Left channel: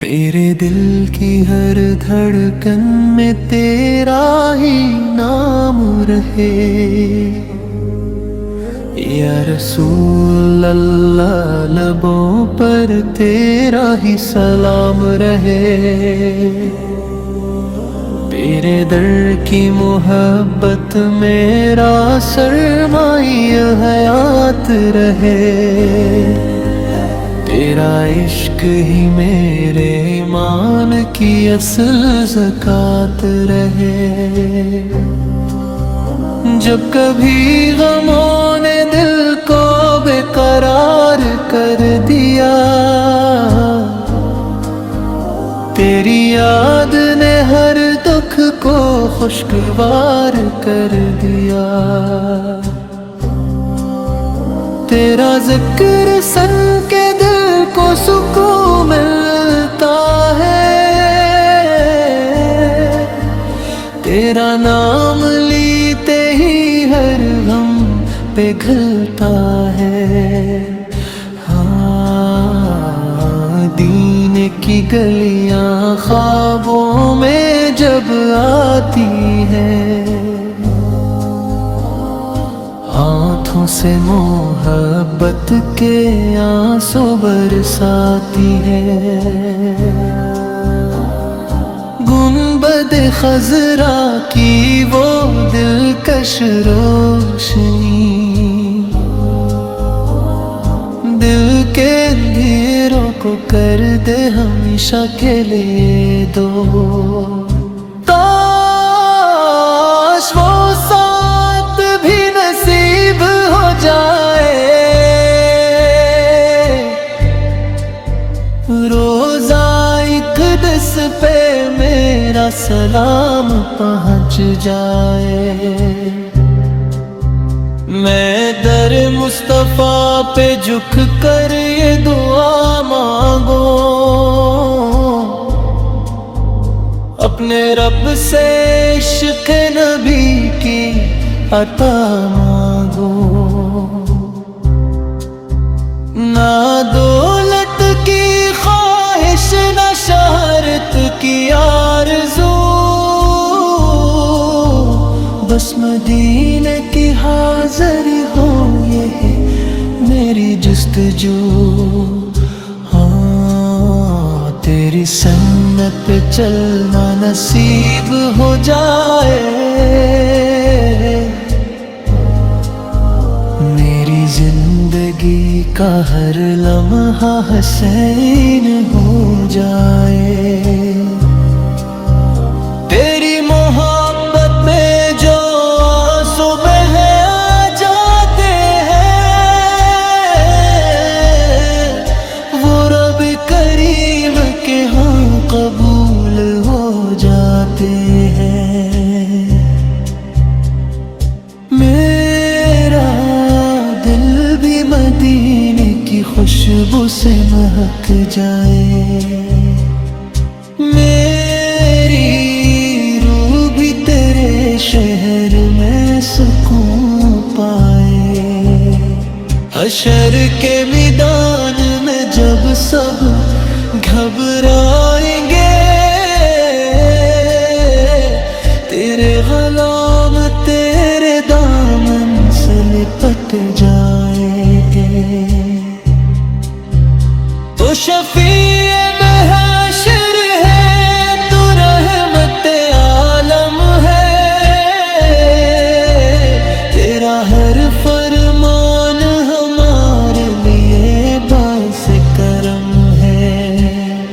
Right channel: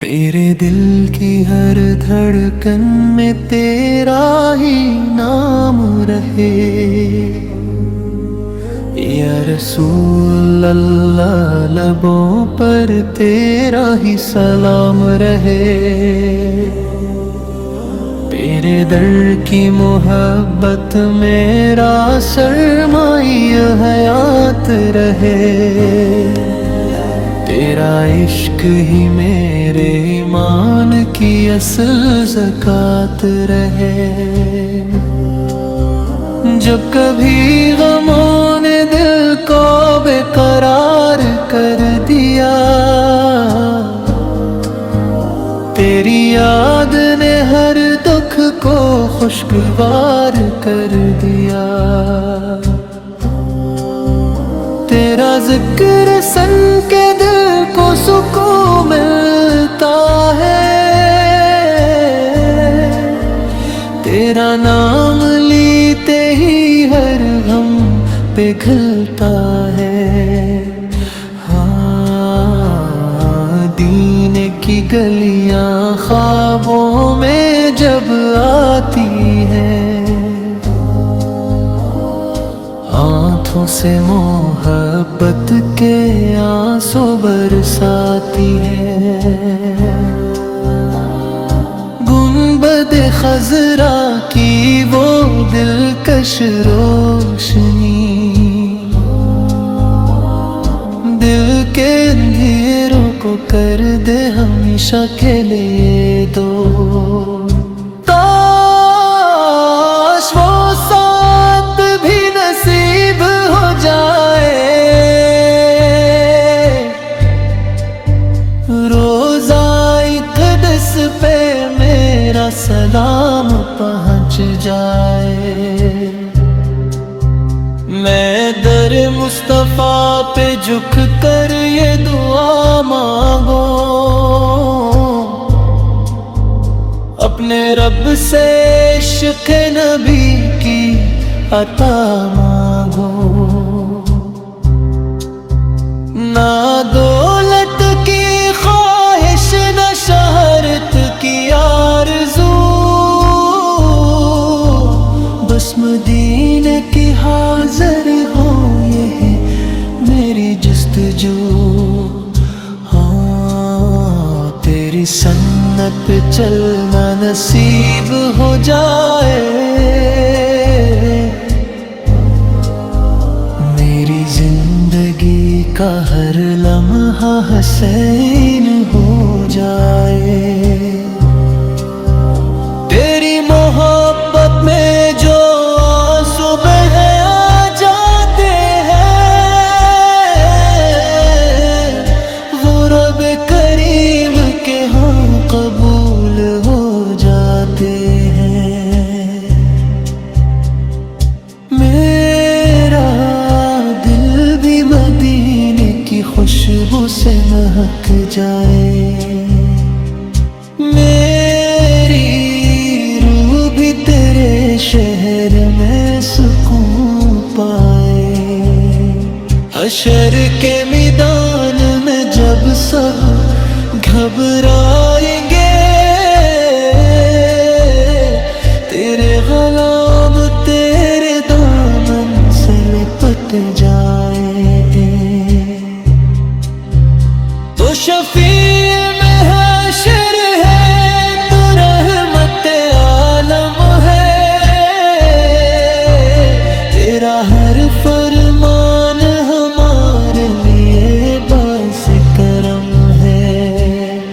میرے دل کی ہر دھڑکن میں تیرا ہی نام رہے، یا رسول اللہ لبوں پر تیرا ہی سلام رہے، تیرے در کی محبت میرا سرمایہ حیات رہے، تیرا عشق ہی میرے ایمان کی اصل زکوٰۃ رہے۔ جب کبھی غموں نے دل کو بے قرار کر دیا، تیری یاد نے ہر دکھ کو خوشگوار کر دیا، تیرا ذکر سن کے دل کو سکون ملتا ہے، تیرا نام لیتے ہی ہر غم پگھلتا ہے۔ ہاں، دین کی گلیاں خوابوں میں جب آتی ہیں، ہاتھوں سے محبت کے آنسو برساتی ہے، گنبد خضرا کی وہ دلکش روشنی، دل کے اندھیروں کو کر دے ہمیشہ کے لیے دور۔ کاش وہ ساتھ بھی نصیب ہو جائے، روزہ اقدس پہ میرا سلام پہنچ جائے، میں در مصطفیٰ پہ جھک کر یہ دعا مانگوں، اپنے رب سے عشق نبی کی عطا مانگو، نہ دولت کی خواہش نہ شہرت کی آرزو، بس مدینے کی حاضری ہو یہی میری جستجو۔ ہاں، تیری سنت پہ چلنا نصیب ہو جائے، میری زندگی کا ہر لمحہ حسین ہو جائے، تیری محبت میں جو آنسو بہہ جاتے ہیں، وہ رب کریم کے ہاں قبول ہو جاتے ہیں۔ میرا دل بھی مدینے کی خوشبو سے مہک جائے، میری روح بھی تیرے شہر میں سکون پائے، حشر کے میدان میں جب سب گھبرائیں گے، تیرے غلام تیرے دامن سے لپٹ جائیں گے، تو شفیع محشر ہے، تو رحمت عالم ہے، تیرا ہر فرمان ہمارے لیے باعث کرم ہے،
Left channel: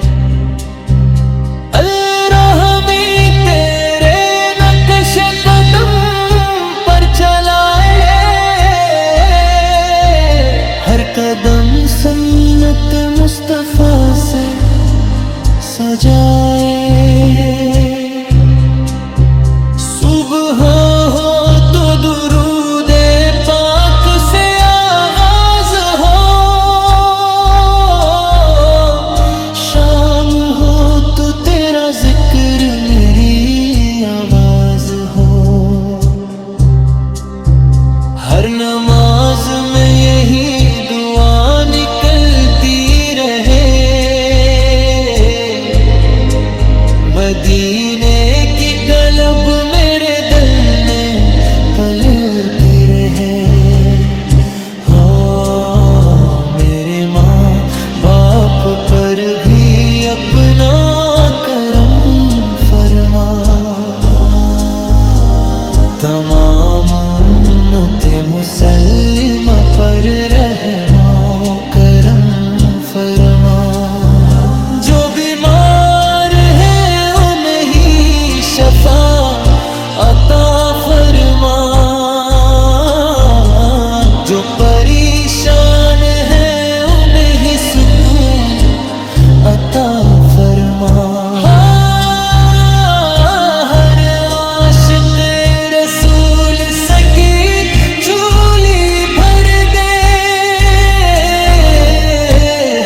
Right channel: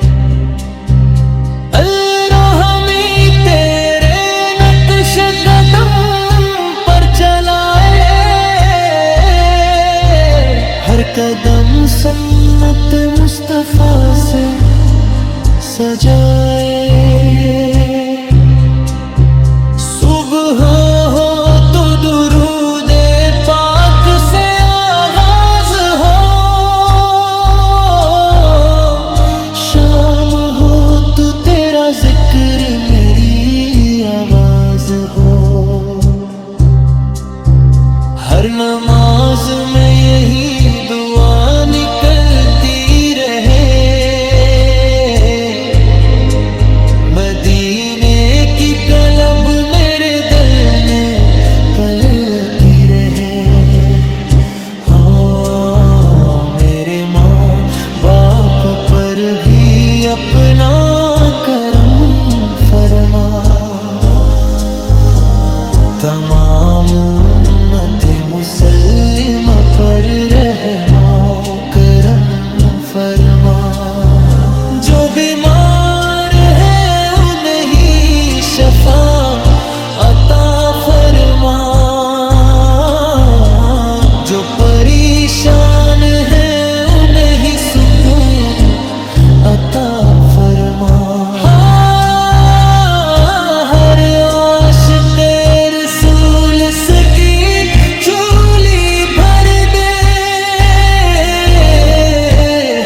الرحمی تیرے نقش قدم پر چلائے، ہر قدم سنت مصطفیٰ سے سجائے، صبح ہو تو درود پاک سے آغاز ہو، شام ہو تو تیرا ذکر میری آواز ہو، ہر نماز میں یہی دعا نکلتی رہے، مدینے کی گلب میرے دل میں پلتی رہے. ہاں میرے ماں باپ پر بھی اپنا کرم فرما. تمام امت مسلمہ پر رحم و کرم فرما. جو بیمار ہے انہیں شفا عطا فرما. جو پریشان ہے انہیں سکون عطا فرما. ہر عاشق رسول سکی جھولی بھر دے.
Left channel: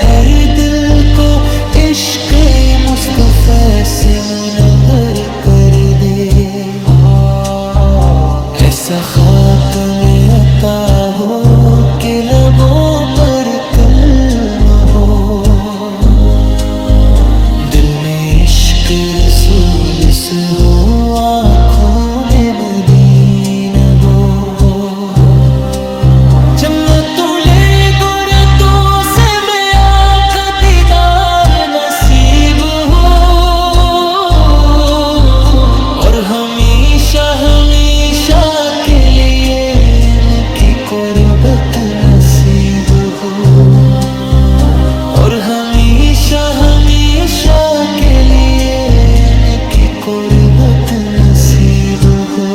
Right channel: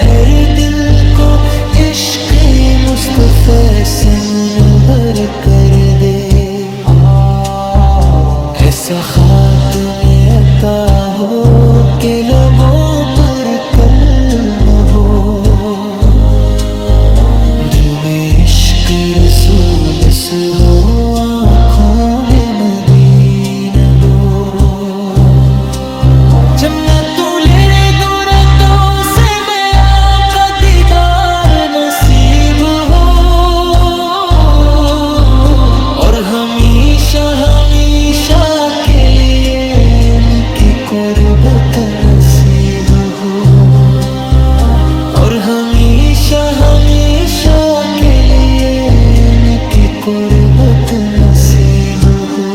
ہر دل کو عشق مصطفیٰ سے منور کر دے. ایسا خاتم عطا ہو کہ لبوں پر کلمہ ہو. دل میں عشق رسول سے ہو آنکھوں میں مدینہ گو. جنت لے گورتوں سے میں آقا دیدار نصیب ہو. اور ہمیشہ ہمیشہ کے لیے ان کی قربت نصیب ہو. اور ہمیشہ ہمیشہ کے لیے ان کی قربت نصیب ہو.